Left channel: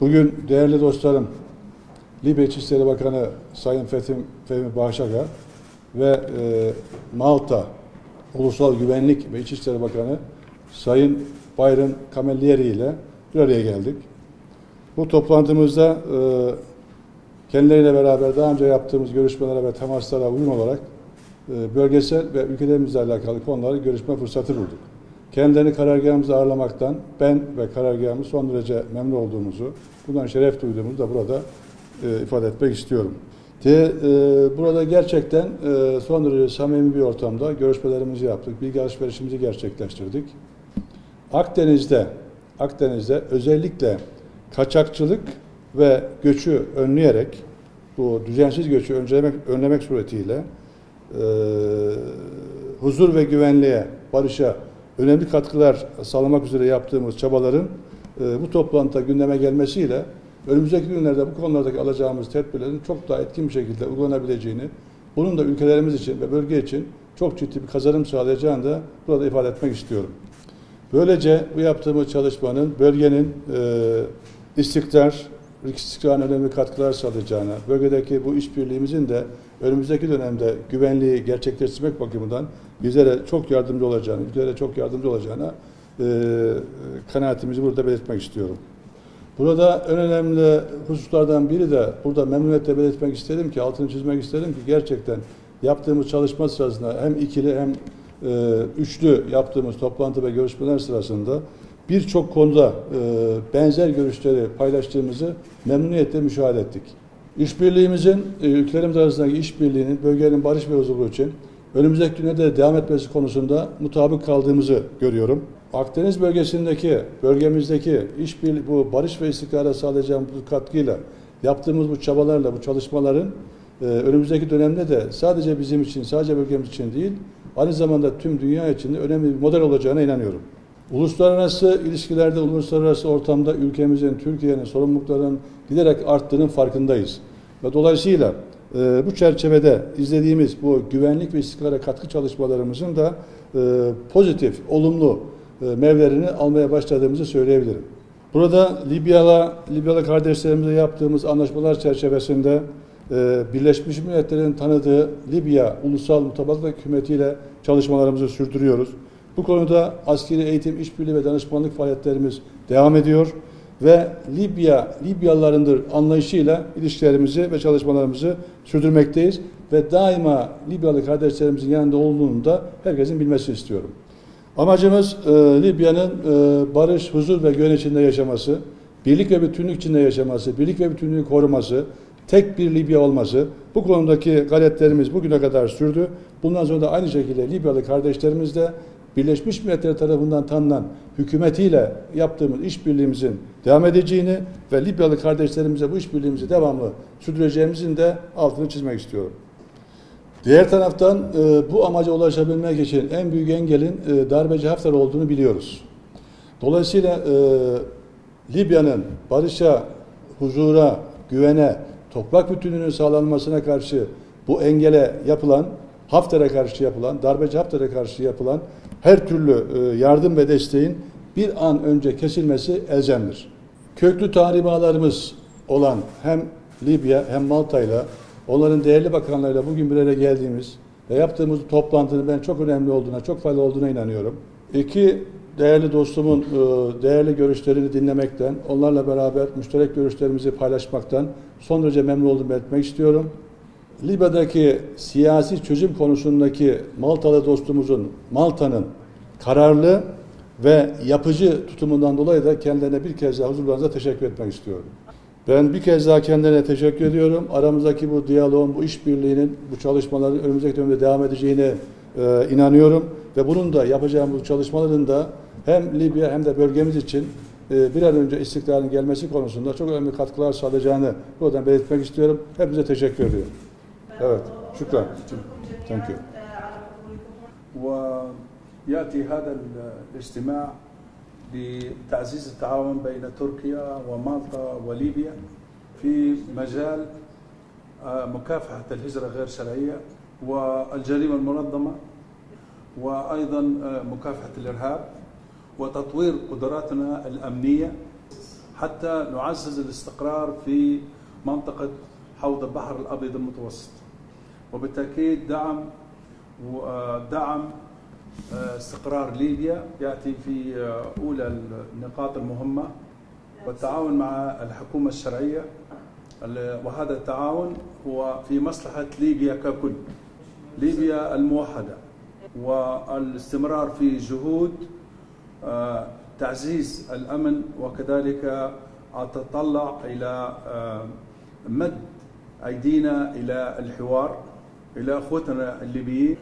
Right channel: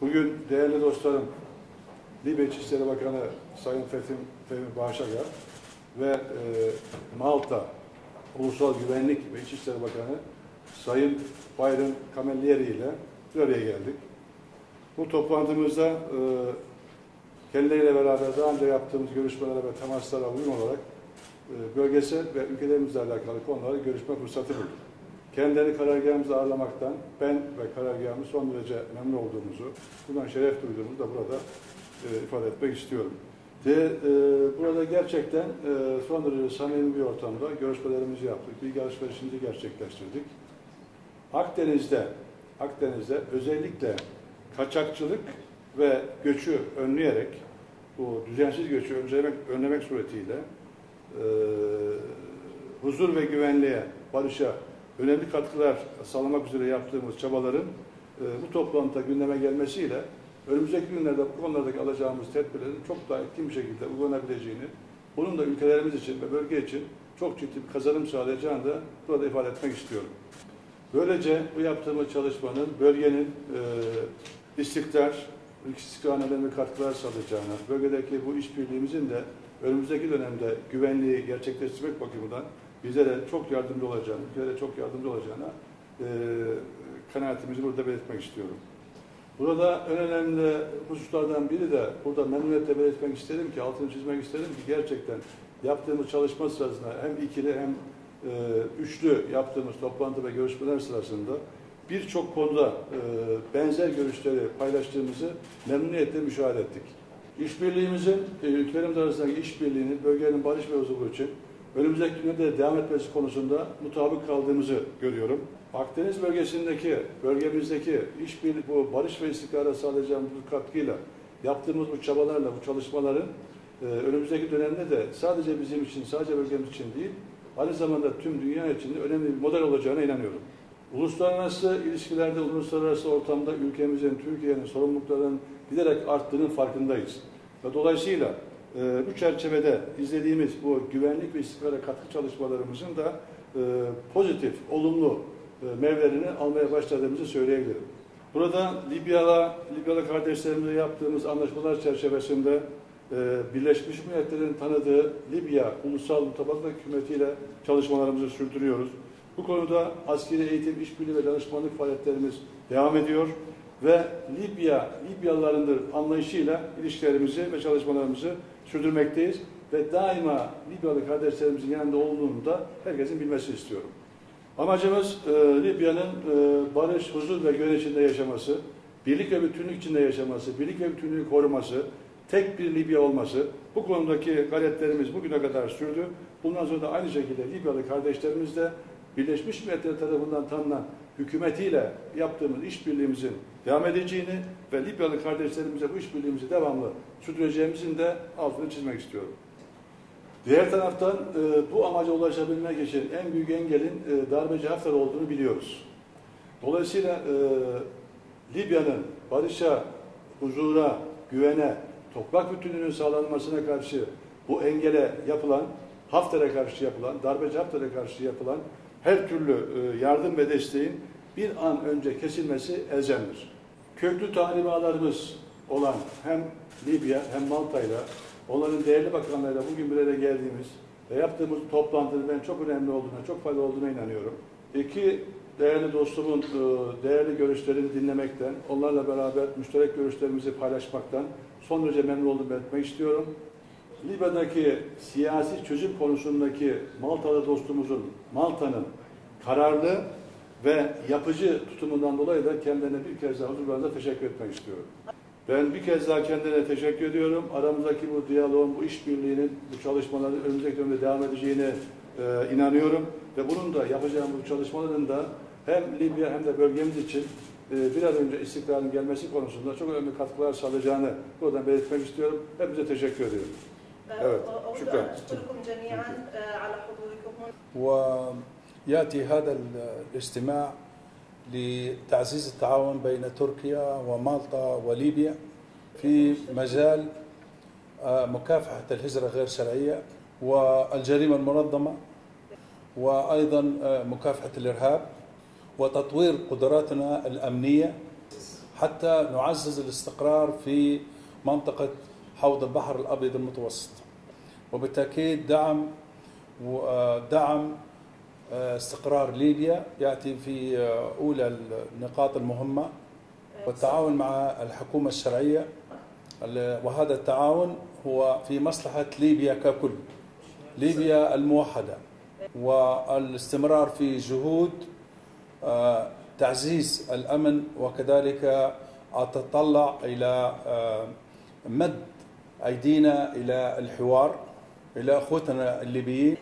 Bugün değerli dostlarım, Libya İçişleri Bakanı Sayın Fehmi Bağşaka ve Malta Ulusal Güvenlik ve İçişleri Bakanı Sayın Byron Camilleri ile bir araya geldik. Bu toplantımızda kendileriyle beraber daha önce yaptığımız görüşmelere ve temaslara uyum olarak bölgesel ve ülkelerimizle alakalı konuları görüşme fırsatı bulduk. Kendilerini karargahımızda ağırlamaktan ben ve karargahımız son derece memnun olduğumuzu, bundan şeref duyduğumuzu da burada ifade etmek istiyorum. Burada gerçekten son derece samimi bir ortamda görüşmelerimizi yaptık, bilgi alışverişimizi gerçekleştirdik. Akdeniz'de özellikle kaçakçılık ve göçü önleyerek, bu düzensiz göçü önlemek suretiyle huzur ve güvenliğe, barışa önemli katkılar sağlamak üzere yaptığımız çabaların bu toplantıda gündeme gelmesiyle önümüzdeki günlerde bu konulardaki alacağımız tedbirlerin çok daha etkin bir şekilde uygulanabileceğini, bunun da ülkelerimiz için ve bölge için çok ciddi bir kazanım sağlayacağını da burada ifade etmek istiyorum. Böylece bu yaptığımız çalışmanın bölgenin istikrarına önemli katkılar sağlayacağına, bölgedeki bu işbirliğimizin de önümüzdeki dönemde güvenliği gerçekleştirmek bakımından bizlere çok yardımcı olacağını, ülkelere çok yardımcı olacağına kanaatimizi burada belirtmek istiyorum. Burada en önemli hususlardan biri de burada memnuniyetle belirtmek istedim ki, altını çizmek istedim ki gerçekten yaptığımız çalışma sırasında hem ikili hem üçlü yaptığımız toplantı ve görüşmeler sırasında birçok konuda benzer görüşleri paylaştığımızı memnuniyetle müşahede ettik. İşbirliğimizin, ülkelerimiz arasındaki işbirliğinin bölgenin barış ve huzuru için önümüzdeki günlerde devam etmesi konusunda mutabık kaldığımızı görüyorum. Akdeniz bölgemizdeki işbirliği, bu barış ve istikrara sağlayacağımız bu katkıyla yaptığımız bu çabalarla, bu çalışmaların önümüzdeki dönemde de sadece bizim için, sadece bölgemiz için değil, aynı zamanda tüm dünya için de önemli bir model olacağına inanıyorum. Uluslararası ilişkilerde, uluslararası ortamda ülkemizin, Türkiye'nin sorumluluklarının giderek arttığının farkındayız. Ve dolayısıyla bu çerçevede izlediğimiz bu güvenlik ve istikrara katkı çalışmalarımızın da pozitif, olumlu meyvelerini almaya başladığımızı söyleyebilirim. Burada Libyalı kardeşlerimizle yaptığımız anlaşmalar çerçevesinde Birleşmiş Milletler'in tanıdığı Libya Ulusal Mutabakat Hükümeti ile çalışmalarımızı sürdürüyoruz. Bu konuda askeri eğitim, işbirliği ve danışmanlık faaliyetlerimiz devam ediyor ve Libyalılarındır anlayışıyla ilişkilerimizi ve çalışmalarımızı sürdürmekteyiz ve daima Libyalı kardeşlerimizin yanında olduğunu da herkesin bilmesini istiyorum. Amacımız Libya'nın barış, huzur ve güven içinde yaşaması, birlik ve bütünlük içinde yaşaması, birlik ve bütünlüğü koruması, tek bir Libya olması. Bu konudaki gayretlerimiz bugüne kadar sürdü. Bundan sonra da aynı şekilde Libyalı kardeşlerimiz de Birleşmiş Milletler tarafından tanınan hükümetiyle yaptığımız işbirliğimizin devam edeceğini ve Libyalı kardeşlerimize bu işbirliğimizi devamlı sürdüreceğimizin de altını çizmek istiyorum. Diğer taraftan bu amaca ulaşabilmek için en büyük engelin darbeci Hafter olduğunu biliyoruz. Dolayısıyla Libya'nın barışa, huzura, güvene, toprak bütünlüğünün sağlanmasına karşı bu engele yapılan, Hafter'e karşı yapılan, darbeci Hafter'e karşı yapılan her türlü yardım ve desteğin bir an önce kesilmesi elzemdir. Köklü tarih bağlarımız olan hem Libya hem Malta'yla, onların değerli bakanlarıyla bugün bir araya geldiğimiz ve yaptığımız toplantının ben çok önemli olduğuna, çok faydalı olduğuna inanıyorum. İki değerli dostumun değerli görüşlerini dinlemekten, onlarla beraber müşterek görüşlerimizi paylaşmaktan son derece memnun olduğumu belirtmek istiyorum. Libya'daki siyasi çözüm konusundaki Maltalı dostumuzun, Malta'nın kararlı ve yapıcı tutumundan dolayı da kendilerine bir kez daha huzurlarınıza teşekkür etmek istiyorum. Ben bir kez daha kendilerine teşekkür ediyorum. Aramızdaki bu diyaloğun, bu işbirliğinin, bu çalışmaların önümüzdeki dönemde devam edeceğine inanıyorum. Ve bunun da yapacağımız bu çalışmaların da hem Libya hem de bölgemiz için bir an önce istikrarın gelmesi konusunda çok önemli katkılar sağlayacağını buradan belirtmek istiyorum. Hepinize teşekkür ediyorum. Evet, şükran. Thank you. ويأتي هذا الاجتماع لتعزيز التعاون بين تركيا ومالطا وليبيا في مجال مكافحة الهجرة غير شرعية والجريمة المنظمة وأيضا مكافحة الإرهاب وتطوير قدراتنا الأمنية حتى نعزز الاستقرار في منطقة حوض البحر الأبيض المتوسط، وبالتأكيد دعم استقرار ليبيا يأتي في أولى النقاط المهمة، والتعاون مع الحكومة الشرعية، وهذا التعاون هو في مصلحة ليبيا ككل، ليبيا الموحدة، والاستمرار في جهود تعزيز الأمن، وكذلك أتطلع إلى مد أيدينا إلى الحوار إلى أخوتنا الليبيين،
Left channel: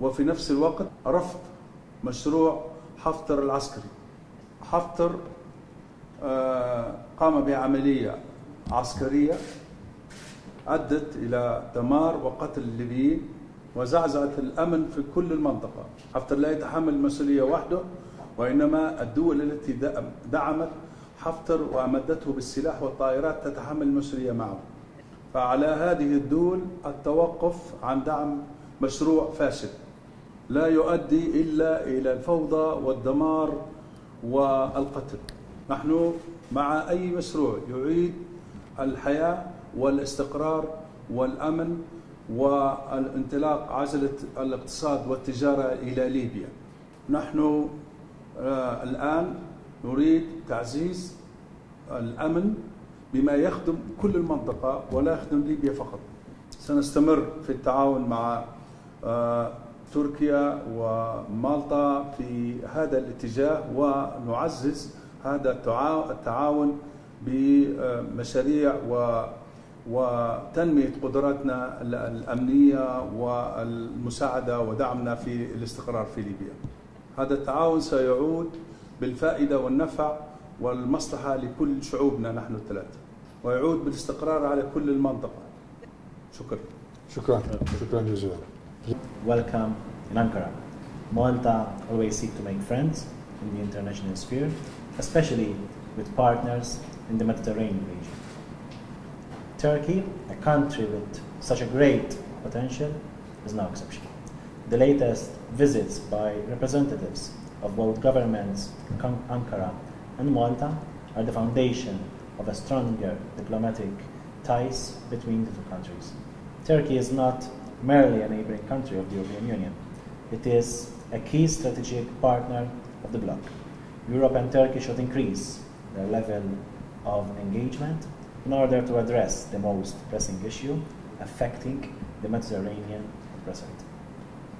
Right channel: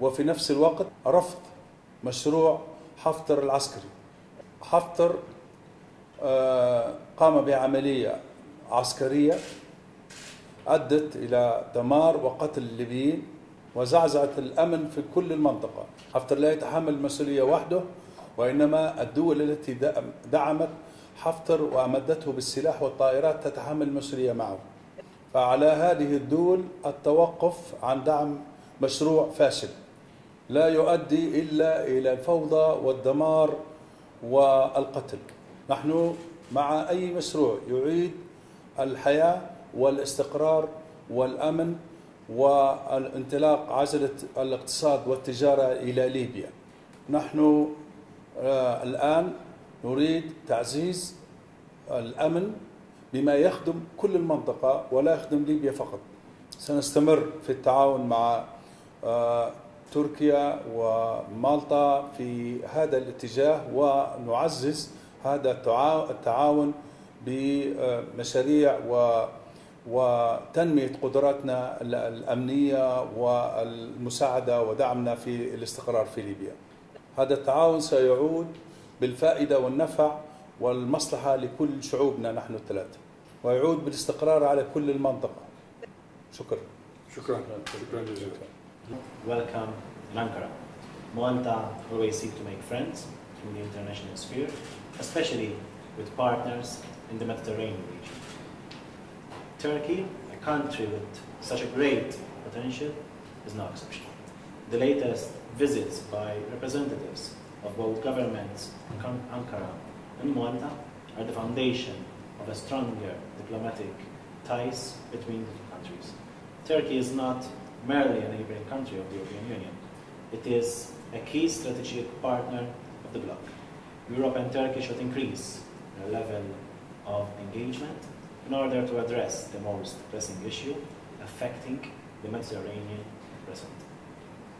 وفي نفس الوقت رفض مشروع حفتر العسكري. حفتر قام بعملية عسكرية أدت إلى دمار وقتل الليبيين وزعزعت الأمن في كل المنطقة. حفتر لا يتحمل المسؤولية وحده، وإنما الدول التي دعمت حفتر وأمدته بالسلاح والطائرات تتحمل المسؤولية معه. فعلى هذه الدول التوقف عن دعم مشروع فاشل لا يؤدي إلا إلى الفوضى والدمار والقتل. نحن مع أي مشروع يعيد الحياة والاستقرار والأمن والانطلاق عجلة الاقتصاد والتجارة إلى ليبيا. نحن الآن نريد تعزيز الأمن بما يخدم كل المنطقة ولا يخدم ليبيا فقط. سنستمر في التعاون مع تركيا ومالطا في هذا الاتجاه، ونعزز هذا التعاون بمشاريع وتنمية قدراتنا الأمنية والمساعدة ودعمنا في الاستقرار في ليبيا. هذا التعاون سيعود بالفائدة والنفع والمصلحة لكل شعوبنا نحن الثلاثة، ويعود بالاستقرار على كل المنطقة. شكرا. شكرا جزيلا. Welcome in Ankara. Malta always seek to make friends in the international sphere, especially with partners in the Mediterranean region. Turkey, a country with such a great potential, is no exception. The latest visits by representatives of both governments, Ankara and Malta, are the foundation of a stronger diplomatic ties between the two countries. Turkey is not merely a neighboring country of the European Union. It is a key strategic partner of the bloc. Europe and Turkey should increase their level of engagement in order to address the most pressing issue affecting the Mediterranean present.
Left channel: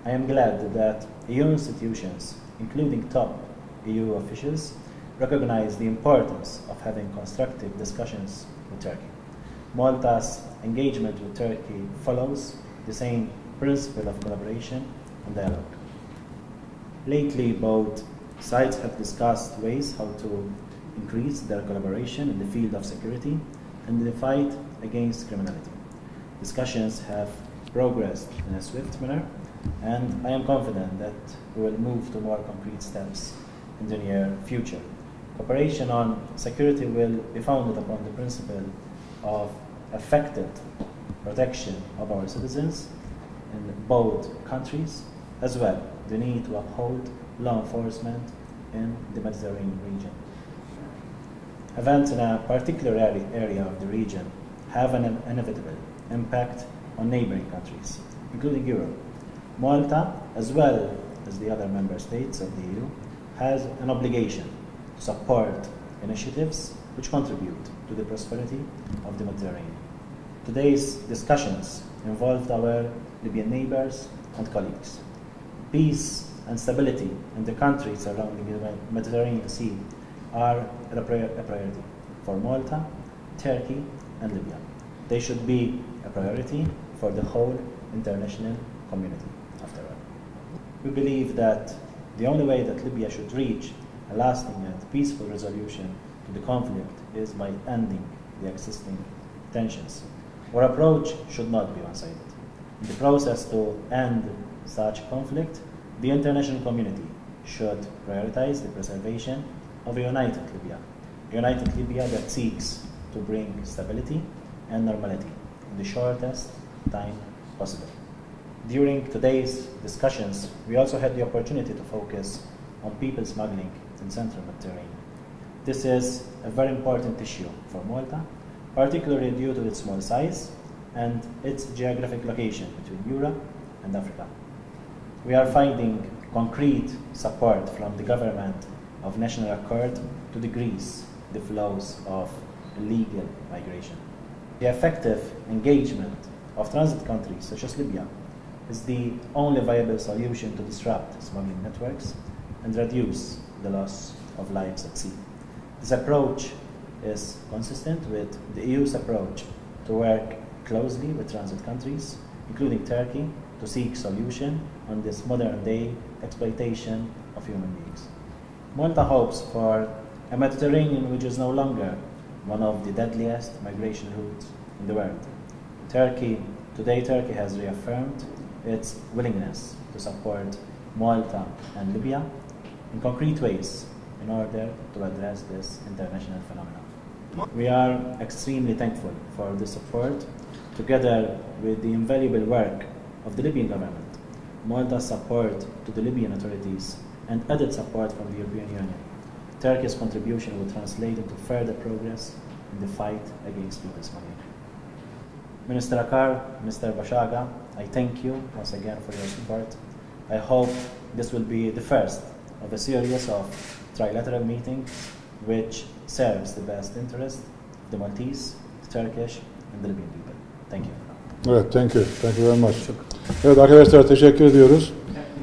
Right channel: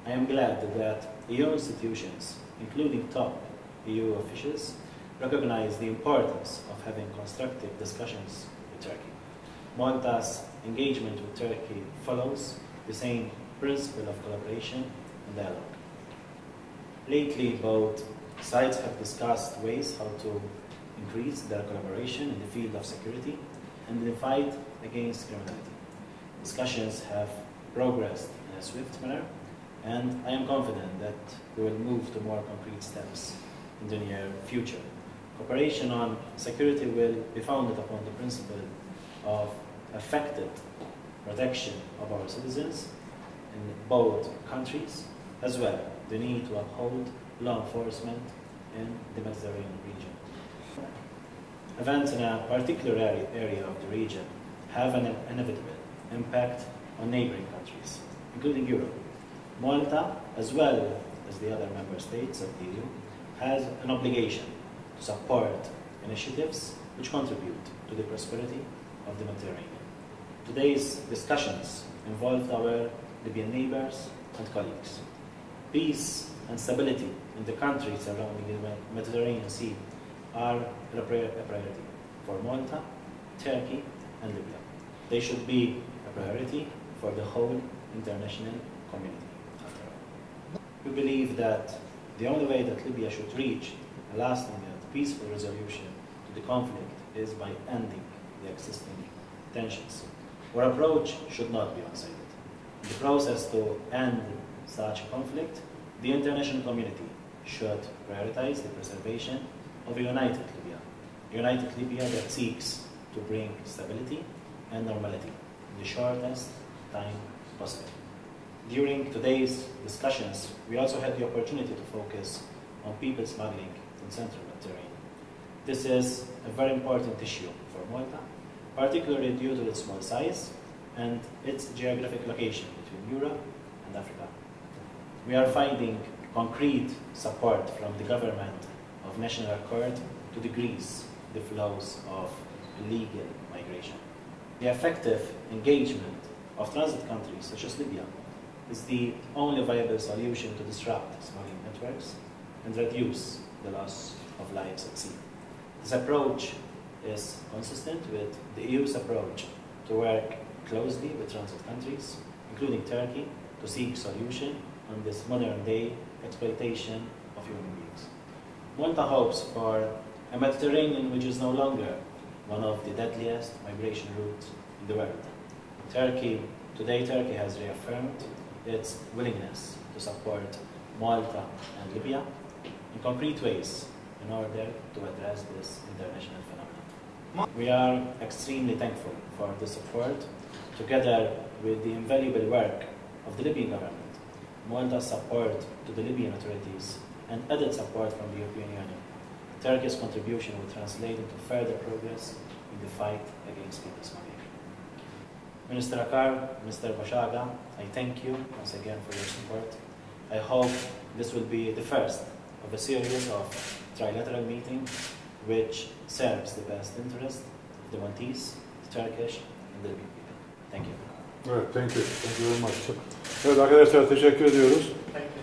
I am glad that EU institutions, including top EU officials, recognize the importance of having constructive discussions with Turkey. Malta's engagement with Turkey follows the same principle of collaboration and dialogue. Lately, both sides have discussed ways how to increase their collaboration in the field of security and the fight against criminality. Discussions have progressed in a swift manner, and I am confident that we will move to more concrete steps in the near future. Cooperation on security will be founded upon the principle of effective protection of our citizens in both countries, as well the need to uphold law enforcement in the Mediterranean region. Events in a particular area of the region have an inevitable impact on neighboring countries, including Europe. Malta, as well as the other member states of the EU, has an obligation to support initiatives which contribute to the prosperity of the Mediterranean. Today's discussions involved our Libyan neighbors and colleagues. Peace and stability in the countries surrounding the Mediterranean Sea are a priority for Malta, Turkey, and Libya. They should be a priority for the whole international community, after all. We believe that the only way that Libya should reach a lasting and peaceful resolution to the conflict is by ending the existing tensions. Our approach should not be one-sided. In the process to end such conflict, the international community should prioritize the preservation of a united Libya that seeks to bring stability and normality in the shortest time possible. During today's discussions, we also had the opportunity to focus on people smuggling in Central Mediterranean. This is a very important issue for Malta, particularly due to its small size and its geographic location between Europe and Africa. We are finding concrete support from the government of national accord to decrease the flows of illegal migration. The effective engagement of transit countries such as Libya is the only viable solution to disrupt smuggling networks and reduce the loss of lives at sea. This approach is consistent with the EU's approach to work closely with transit countries, including Turkey, to seek solution on this modern-day exploitation of human beings. Malta hopes for a Mediterranean which is no longer one of the deadliest migration routes in the world. Today Turkey has reaffirmed its willingness to support Malta and Libya in concrete ways in order to address this international phenomenon. We are extremely thankful for the support, together with the invaluable work of the Libyan government, Malta's support to the Libyan authorities, and added support from the European Union. Turkey's contribution will translate into further progress in the fight against people smuggling. Minister Akar, Mr. Bashaga, I thank you once again for your support. I hope this will be the first of a series of trilateral meetings which serves the best interest of the Maltese, the Turkish, and the Libyan people. Thank you. Evet, thank you. Thank you very much. Evet arkadaşlar, teşekkür ediyoruz.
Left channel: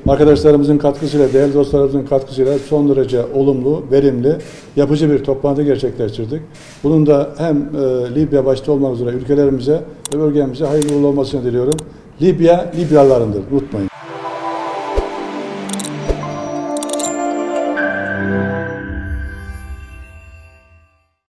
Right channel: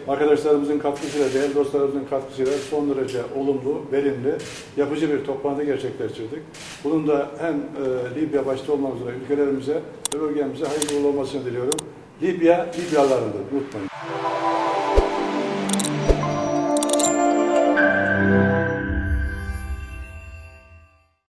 Arkadaşlarımızın katkısıyla, değerli dostlarımızın katkısıyla son derece olumlu, verimli, yapıcı bir toplantı gerçekleştirdik. Bunun da hem Libya başta olmak üzere ülkelerimize ve bölgemize hayırlı olmasını diliyorum. Libya, Libyalılarındır, unutmayın.